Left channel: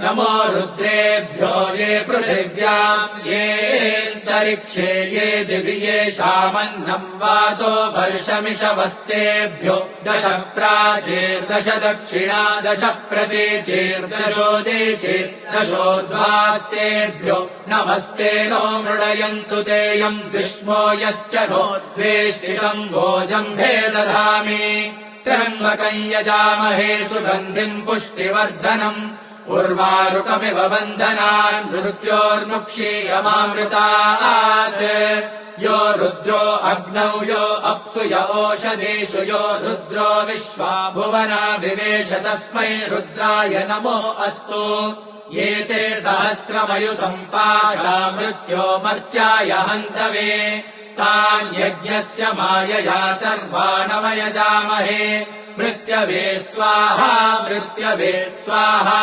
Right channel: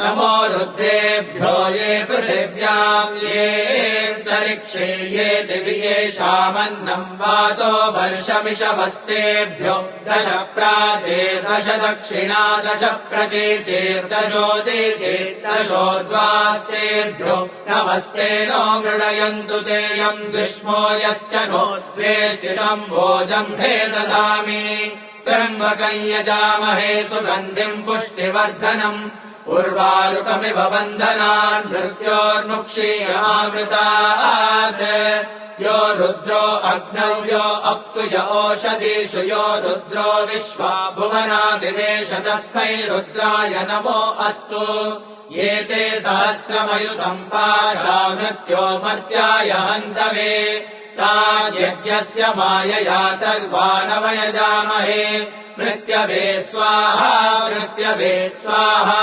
नमो रुद्रेभ्यो ये पृथिव्याम् येऽन्तरिक्षे ये दिवि येषामन्नम् वातो वर्षमिषवस्तेभ्यो दश प्राचीर्दश दक्षिणा दश प्रतीचीर्दशोदीचीर्दशोद्वास्तेभ्यो नमस्ते नो मृडयन्तु तेऽयम् दुष्मो यश्च नो द्वेष्टितम् भोजम्भे दधामि त्र्यम्बकम् यजामहे सुगन्धिम् पुष्टिवर्धनम् उर्वारुकमिव बन्धनान् मृत्योर्मुक्षीयमामृतात् यो रुद्रो अग्नौ यो अप्सु य ओषधीषु यो रुद्रो विश्वा भुवनादिवेश तस्मै रुद्राय नमो अस्तु एते सहस्रमयुतम् पाशा मृत्यो मर्त्याय हन्तवे तान् यज्ञस्य मायया सर्वानवयजामहे मृत्यवे स्वाहा मृत्यवे स्वाहा।